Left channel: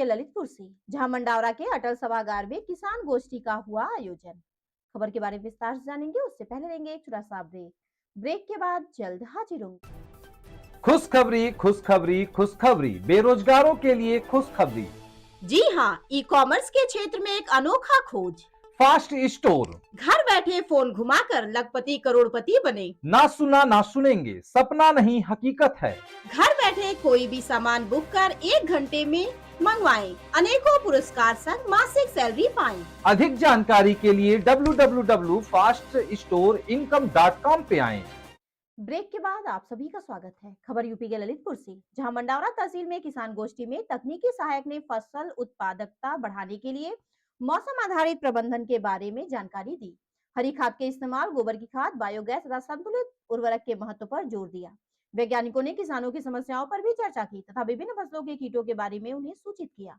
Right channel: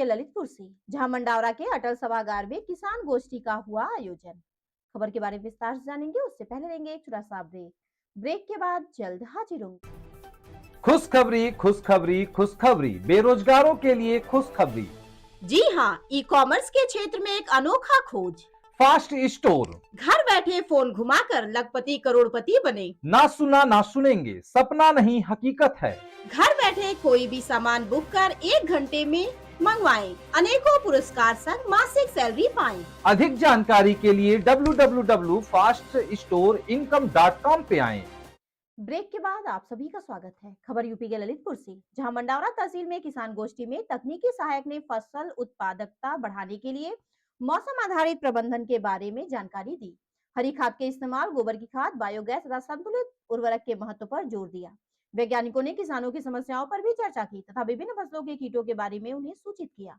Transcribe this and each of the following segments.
के ललितपुर से, जहां मंडावरा के अटल सभागार में किसान गोष्ठी का हुआ आयोजन। खबर के बारे में विस्तार से जानेंगे, उससे पहले लेंगे एक छोटा सा ब्रेक। ब्रेक के बाद जल्द हाजिर होंगे। खुशखबरी खुशखबरी खुशखबरी, बेरोजगारों के लिए खुशखबरी। जी हाँ, ई कॉमर्स के क्षेत्र में एक अनोखा खोज। Fast store. घर बैठे फोन घुमाकर लखपति करोड़पति बने। ना सुना ना सुनेंगे, सपना नहीं हकीकत है। घर बैठे कोई भी सामान बुक कर 1 घंटे में मंगवाएं। अनेकों पुरस्कार संग मासिक सैलरी पाएं। अधिक जानकारी के लिए www.faststoreincome.com पे आएं। ब्रेक के बाद आप सभी का स्वागत है। खबर यूपी के ललितपुर से, जहां मंडावरा तहसील में किसान गोष्ठी में तकनीकी सहायक ने फसल उत्पादकता बढ़ाने के लिए मौसम आधारित प्रबंधन के बारे में जानकारी दी। हरी खाद के इस्तेमाल, गोबर की खाद, बायोगैस तथा संतुलित उर्वरक के महत्व पर जोर दिया। वैज्ञानिकों ने किसानों की समस्याओं पर भी चर्चा की तथा विभिन्न फसलों के कीटों के बारे में उन्हें सूचित किया।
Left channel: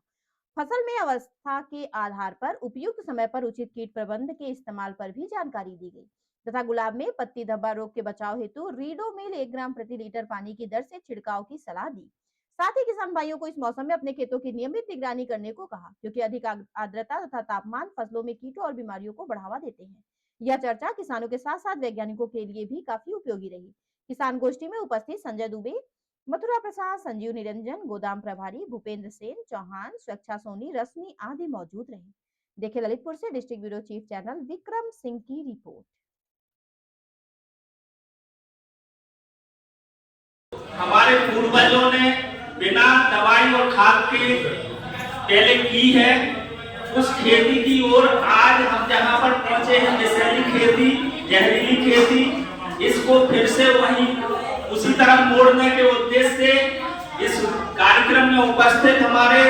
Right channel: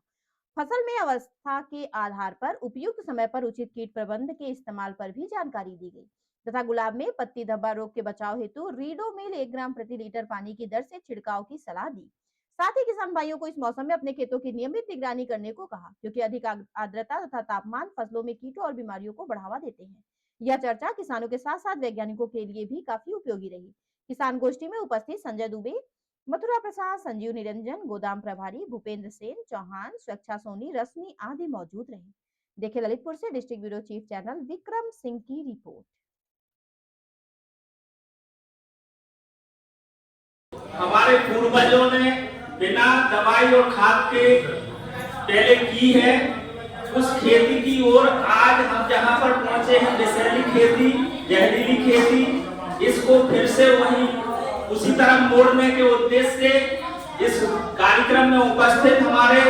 फसल में अवस्था के आधार पर उपयुक्त समय पर उचित कीट प्रबंध के इस्तेमाल पर भी जानकारी दी गई तथा गुलाब में पत्ती धब्बा रोग के बचाव हेतु रीडोमिल 1 ग्राम प्रति लीटर पानी की दर से छिड़काव की सलाह दी। साथ ही किसान भाइयों को इस मौसम में अपने खेतों की नियमित निगरानी करने को कहा, क्योंकि अधिक आर्द्रता तथा तापमान फसलों में कीटों और बीमारियों को बढ़ावा देते हैं। यह चर्चा किसानों के साथ साथ वैज्ञानिकों के लिए भी काफी उपयोगी रही। किसान गोष्ठी में उपस्थित संजय दुबे, मथुरा प्रसाद, संजीव निरंजन, गोदाम प्रभारी भूपेंद्र सेन चौहान, स्वेच्छा सोनी, रश्मि आदि मौजूद रहे। देखे ललितपुर से district bureau chief channel Vikram Singh की रिपोर्ट। हमारे पूर्वजों ने बिना दवाई और खाद के पहले की है, उस खेती की ओर आज हम जहां पर पहुंचे हैं, विषैली खेती, जहरीली खेती, इसको फिर से वही उसी तरह मोड़ने के उद्देश्य से इस कार्यक्रम में उपस्थित हमारे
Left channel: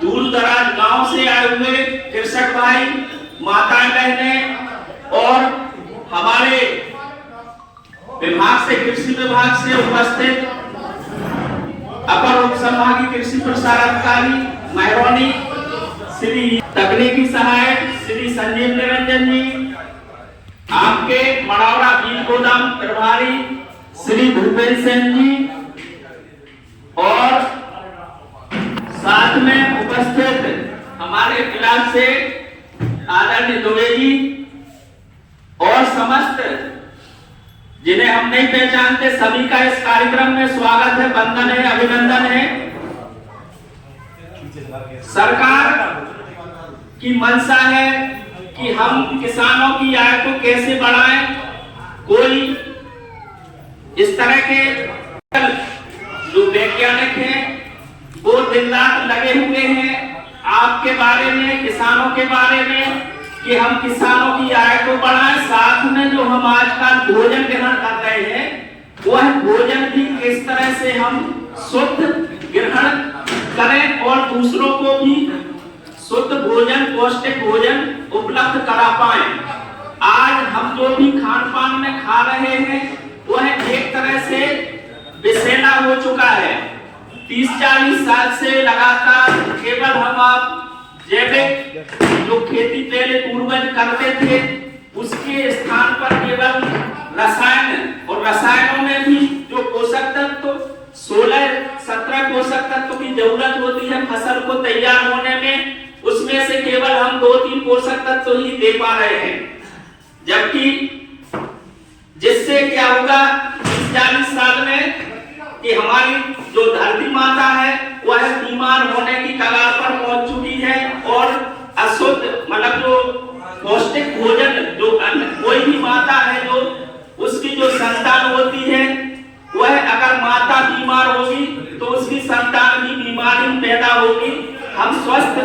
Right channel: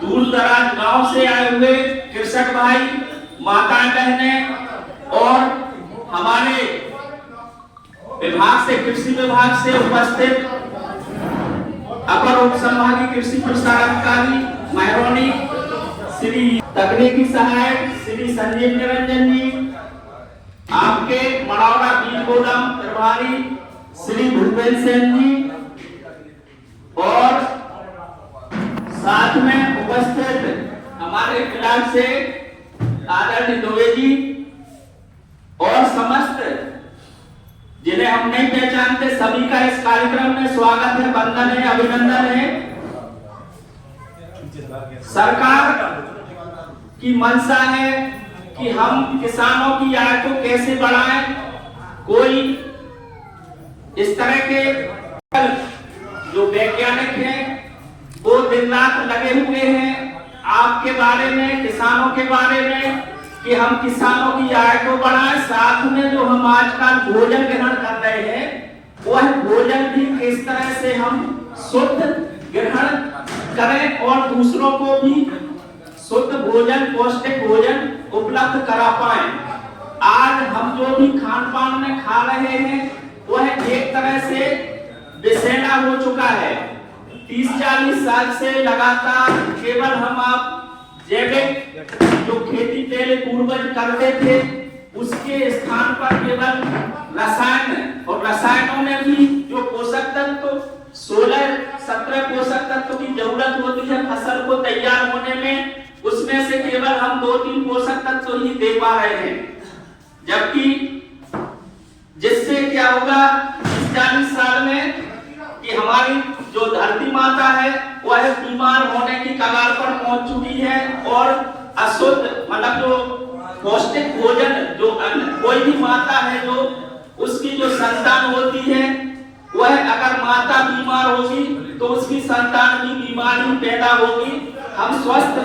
दूर दराज गांव से आए हुए कृषक भाई, माताएं, बहनें और हमारे विभाग से, कृषि विभाग से उपस्थित अपर उप संभागीय कृषि प्रसार अधिकारी महरौनी श्री तकनीकी सहायक श्री संजीव निरंजन जी, आपके मंडावरा बीज गोदाम प्रभारी श्री भूपेंद्र सेन जी और साथ में उपस्थित हमारे क्लास से आदरणीय दुबे जी और समस्त जिन्हें हम नहीं पहचानते, सभी का इस कार्यक्रम में स्वागत है, वंदन है, अभिनंदन है। सरकार की मंशा है कि हम किसानों की आय को कैसे बढ़ाएं। कोई इस तरह के जो वैज्ञानिक हैं वो दिन रात लगे हुए हैं आपके बारे में, किसानों के बारे में, कि हम किसानों की आय को बढ़ाएं। साथ में जो हम आजकल भोजन ग्रहण कर रहे हैं, वह भोजन भी किस तरह से हम शुद्ध ग्रहण करें और दूसरों को भी शुद्ध भोजन, पौष्टिक भोजन उपलब्ध करा पाएं। आज हम जो भी खान पान में खा रहे हैं वह एक तरह से विषैला हो चुका है। 30-40 साल से लगातार केवल हम आप जैविक जो खेती पहले पूर्वज करते थे उसके स्थान पर केवल रसायन, और रसायनों में भी जो पोषक तत्व 16-17 पोषक तत्व की जरूरत होती है फसल को तैयार होने में, उसमें से केवल हम 2-3 पोषक तत्व ही दे पा रहे हैं। जबकि जिससे क्या होगा 40 साल में कि हमारी जो धरती माता है वह बीमार होने की कगार पर पहुंच चुकी है और अशुद्ध मतलब जो पौष्टिक भोजन जो कोई भी माता है जो उसकी जो संतान होती है वह अगर माता बीमार होगी तो उसकी संतान भी बीमारी पैदा होगी। हम स्वस्थ